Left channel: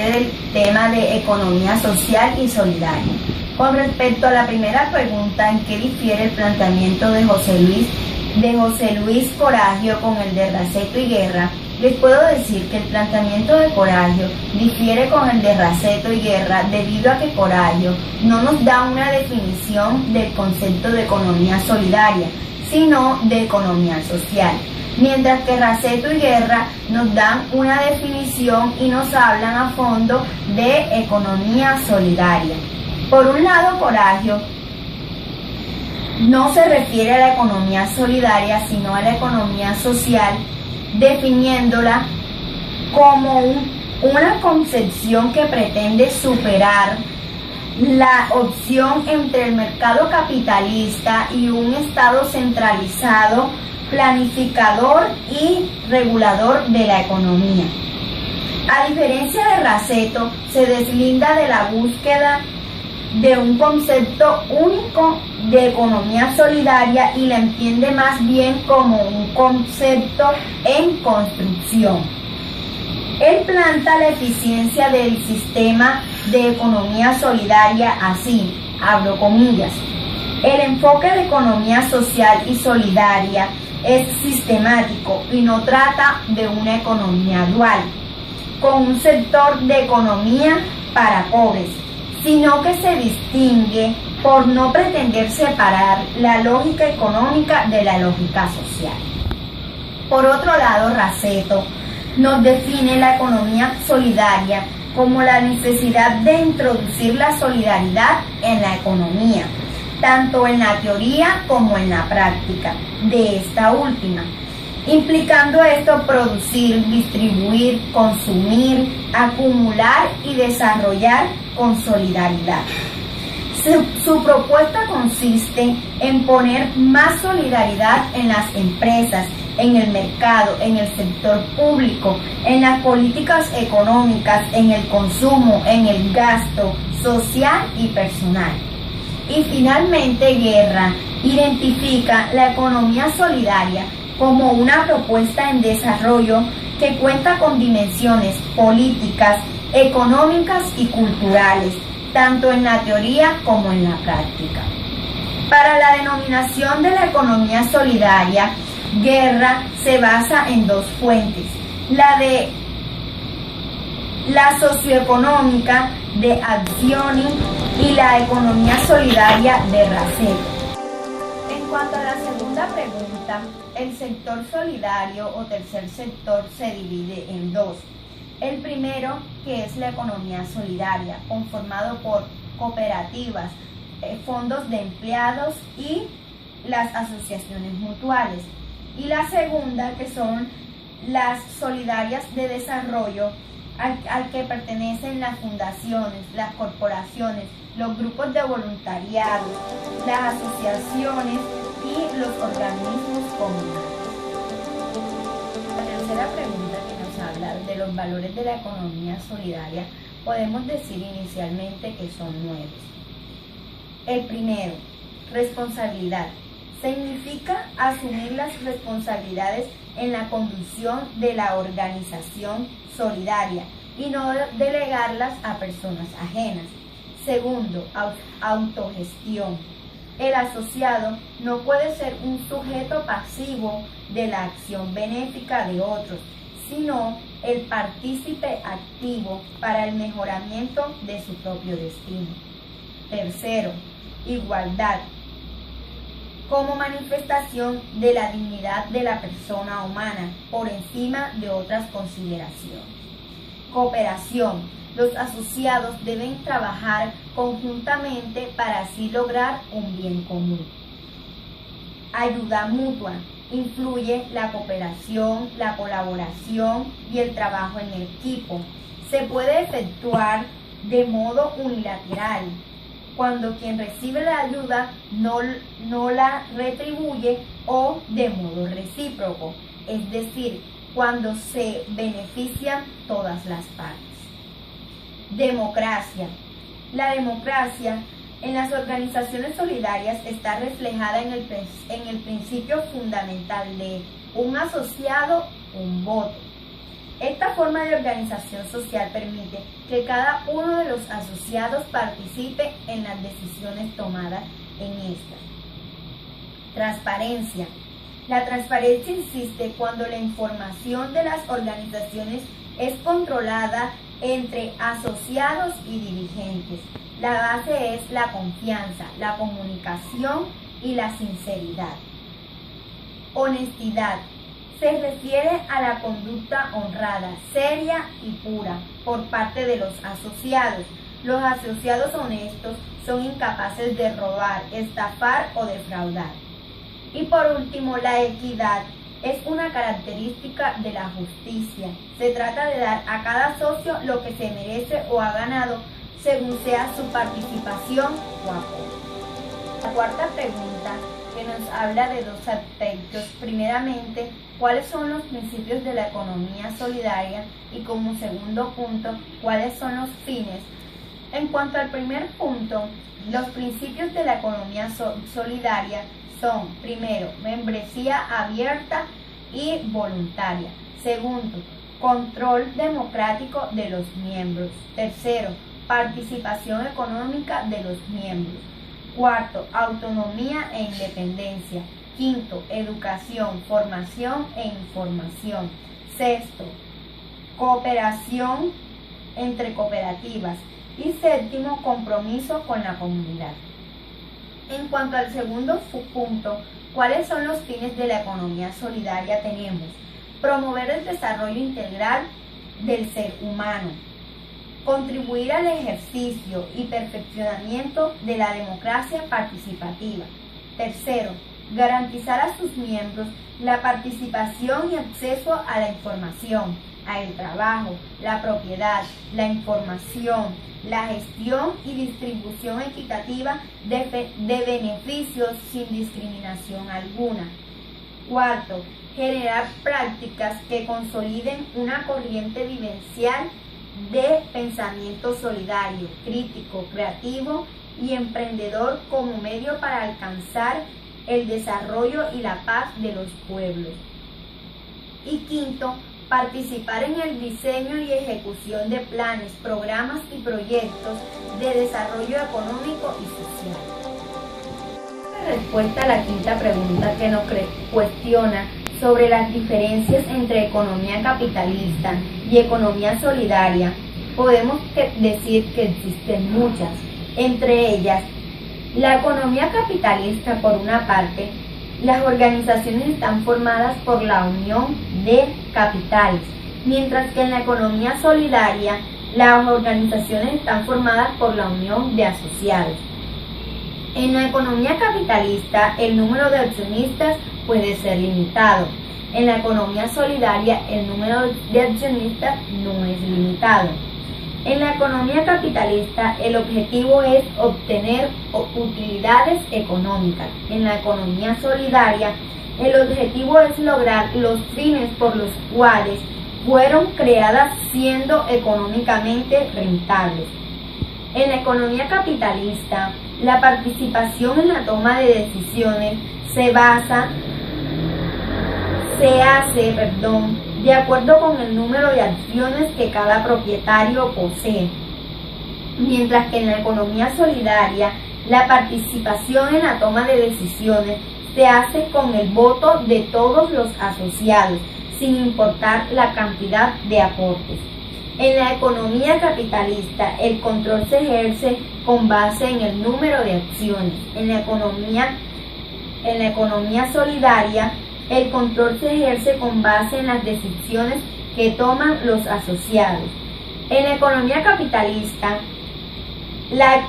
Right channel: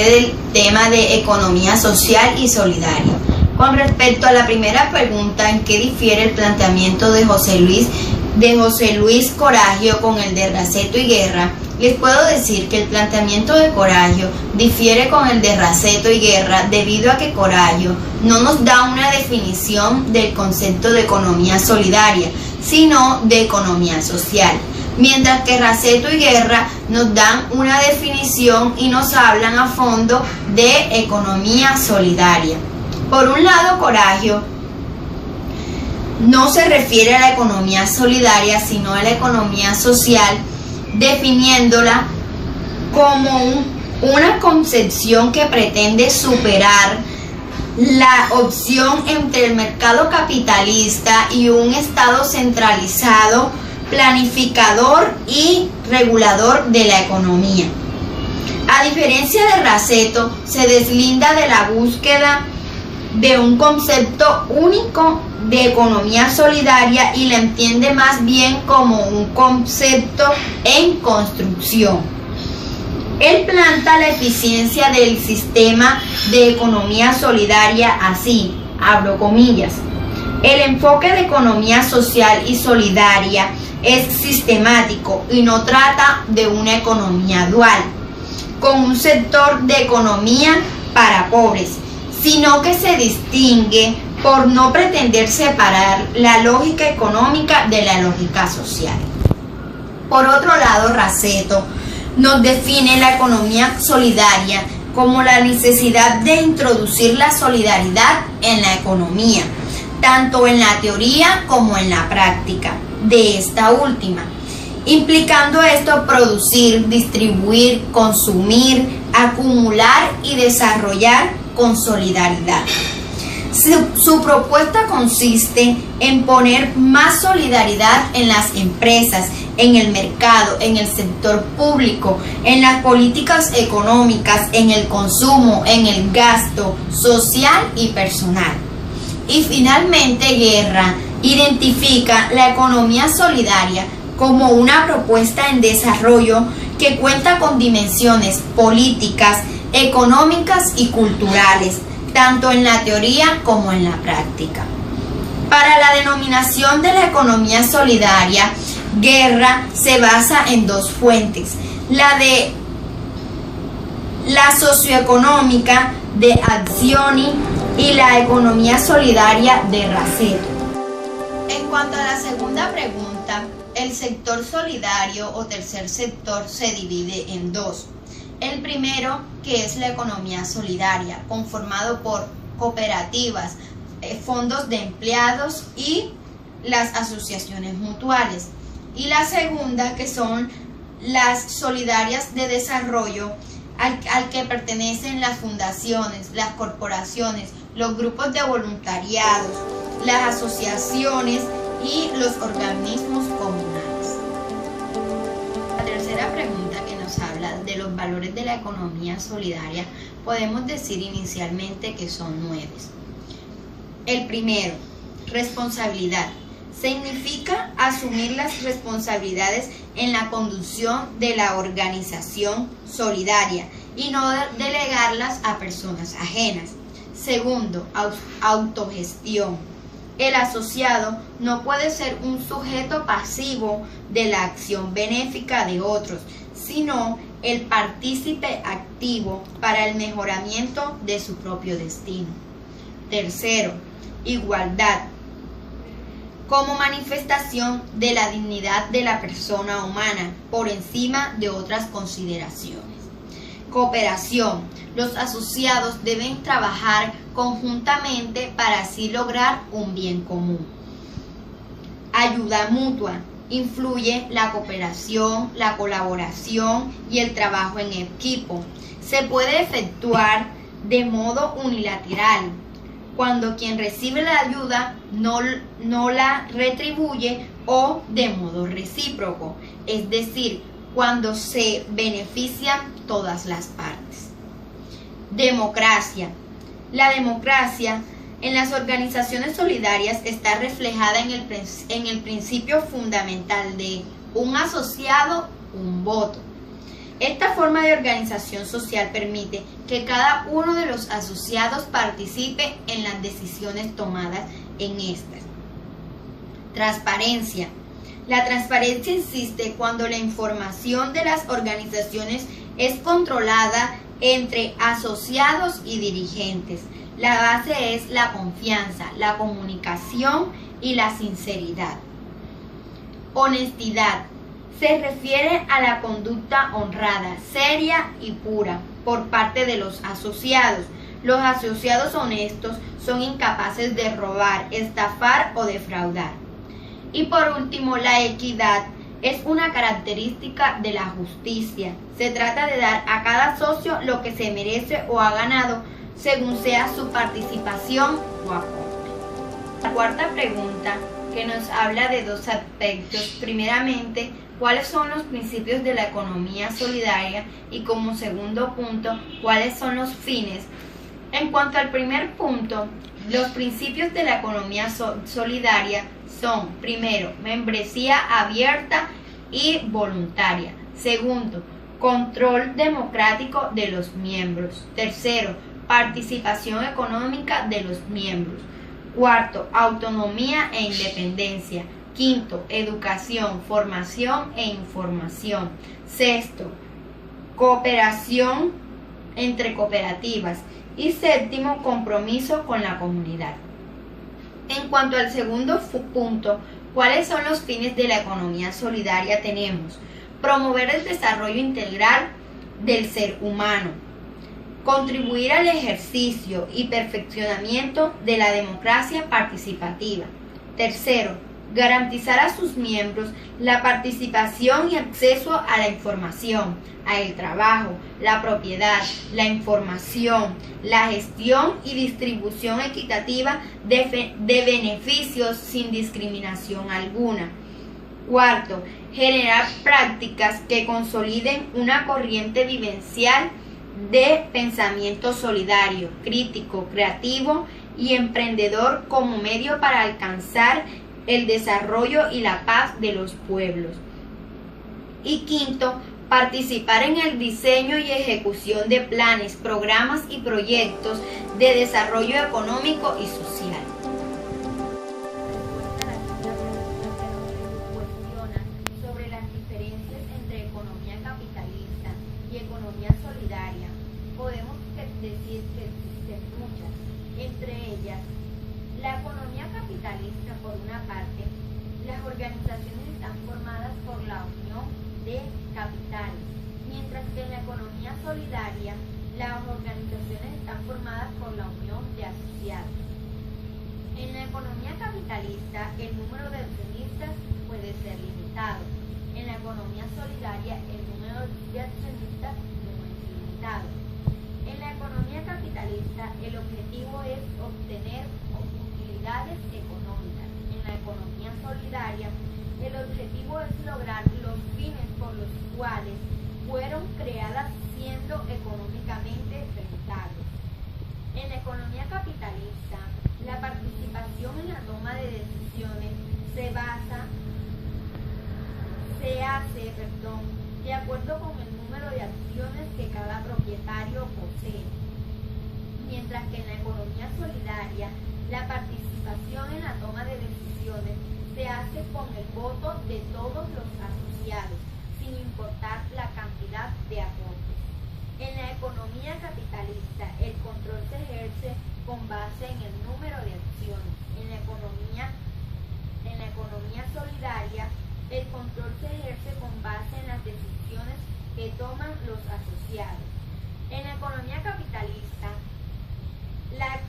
procede el tema de economía social y solidaria. Con respecto a la primera pregunta, ¿en qué difiere el planteamiento de José Luis Coragio con el de Raceto y Guerra? Les puedo decir que el planteamiento de Coragio difiere con el de Raceto y Guerra debido a que Coragio no nos da una definición del concepto de economía solidaria, sino de economía social, mientras que Raceto y Guerra nos dan una definición y nos hablan a fondo de economía solidaria. Por un lado, Coragio no se refiere a la economía solidaria, sino a la economía social, definiéndola como una concepción que pretende superar la opción entre el mercado capitalista y un Estado centralizado, planificador y regulador de la economía. A diferencia de Raceto, se deslinda de la búsqueda de un concepto único de economía solidaria y la entiende más bien como un concepto en construcción. Él planta la eficiencia del sistema de economía solidaria así, abro comillas: el enfoque de economía social y solidaria es sistemático y no trata de una economía dual, con un sector de economía para pobres, sino que se distingue por no pretender separar la lógica económica de la lógica social. Por otro lado, Raceto nos define la economía solidaria como la necesidad de introducir la solidaridad en la economía, tanto en la teoría como en la práctica de esta última, implicando esto producir, distribuir, consumir, acumular y desarrollar con solidaridad. Su propuesta consiste en poner más solidaridad en las empresas, en el mercado, en el sector público, en las políticas económicas, en el consumo, en el gasto social y personal. Y finalmente, Guerra identifica la economía solidaria como una propuesta en desarrollo que cuenta con dimensiones políticas, económicas y culturales, tanto en la teoría como en la práctica. Para la denominación de la economía solidaria, Guerra se basa en dos fuentes: la de la socioeconómica de Accioni y la economía solidaria de Raceto. En cuanto a la segunda pregunta, el sector solidario o tercer sector se divide en dos. El primero, que es la economía solidaria, conformado por cooperativas, fondos de empleados y las asociaciones mutuales. Y la segunda, que son las solidarias de desarrollo, al que pertenecen las fundaciones, las corporaciones, los grupos de voluntariados, las asociaciones y los organismos comunales. La tercera pregunta, que nos habla de los valores de la economía solidaria, podemos decir inicialmente que son 9. El primero, responsabilidad. Significa asumir las responsabilidades en la conducción de la organización solidaria y no delegarlas a personas ajenas. Segundo, autogestión. El asociado no puede ser un sujeto pasivo de la acción benéfica de otros, sino el partícipe activo para el mejoramiento de su propio destino. Tercero, igualdad. Como manifestación de la dignidad de la persona humana por encima de otras consideraciones. Cooperación. Los asociados deben trabajar conjuntamente para así lograr un bien común. Ayuda mutua. Influye la cooperación, la colaboración y el trabajo en equipo. Se puede efectuar de modo unilateral, cuando quien recibe la ayuda no la retribuye, o de modo recíproco, es decir, cuando se benefician todas las partes. Democracia. La democracia en las organizaciones solidarias está reflejada en el principio fundamental de un asociado, un voto. Esta forma de organización social permite que cada uno de los asociados participe en las decisiones tomadas en estas. Transparencia. La transparencia existe cuando la información de las organizaciones es controlada entre asociados y dirigentes. La base es la confianza, la comunicación y la sinceridad. Honestidad. Se refiere a la conducta honrada, seria y pura por parte de los asociados. Los asociados honestos son incapaces de robar, estafar o defraudar. Y por último, la equidad es una característica de la justicia. Se trata de dar a cada socio lo que se merece o ha ganado según sea su participación o aporte. La cuarta pregunta que nos habla de dos aspectos. Primeramente, ¿cuáles son los principios de la economía solidaria? Y como segundo punto, ¿cuáles son los fines? En cuanto al primer punto, los principios de la economía solidaria son, primero, membresía abierta y voluntaria. Segundo, control democrático de los miembros. Tercero, participación económica de los miembros. Cuarto, autonomía e independencia. Quinto, educación, formación e información. Sexto, cooperación entre cooperativas. Y séptimo, compromiso con la comunidad. En cuanto al segundo punto, ¿cuáles son los fines de la economía solidaria? Tenemos promover el desarrollo integral del ser humano, contribuir al ejercicio y perfeccionamiento de la democracia participativa. Tercero, garantizar a sus miembros la participación y acceso a la información, al trabajo, la propiedad, la información, la gestión y distribución equitativa de beneficios sin discriminación alguna. Cuarto, generar prácticas que consoliden una corriente vivencial de pensamiento solidario, crítico, creativo y emprendedor como medio para alcanzar el desarrollo y la paz de los pueblos. Y quinto, participar en el diseño y ejecución de planes, programas y proyectos de desarrollo económico y social. La respuesta a la quinta pregunta que nos cuestiona sobre las diferencias entre economía capitalista y economía solidaria, podemos decir que existen muchas. Entre ellas, la economía capitalista, por una parte, las organizaciones están formadas por la unión de capitales, mientras que en la economía solidaria, las organizaciones están formadas por la unión de asociados. En la economía capitalista, el número de accionistas puede ser limitado. En la economía solidaria, el número de accionistas no es limitado. En la economía capitalista, el objetivo es obtener utilidades económicas. En la economía solidaria, el objetivo es lograr los fines por los cuales fueron creadas, siendo económicamente rentables. En la economía capitalista, la participación en la toma de decisiones se hace de acuerdo con el número de acciones que cada propietario posee, mientras que en la economía solidaria la participación en la toma de decisiones se hace con el voto de todos los asociados, sin importar la cantidad de aportes. En la economía capitalista, el control se ejerce con base en el número de acciones. En la economía solidaria, el control se ejerce con base en las decisiones que toman los asociados. En la economía capitalista,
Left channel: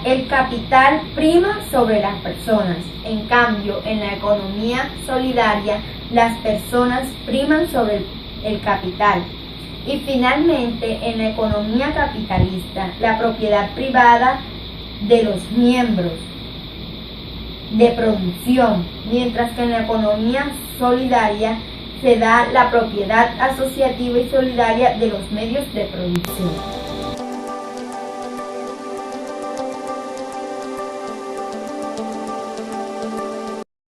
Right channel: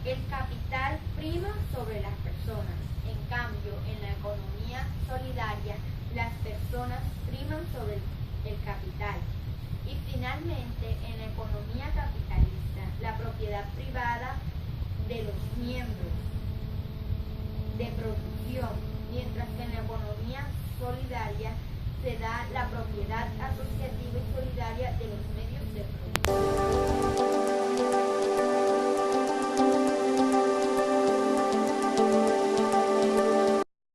el capital prima sobre las personas. En cambio, en la economía solidaria, las personas priman sobre el capital. Y finalmente, en la economía capitalista, la propiedad privada de los miembros de producción, mientras que en la economía solidaria se da la propiedad asociativa y solidaria de los medios de producción.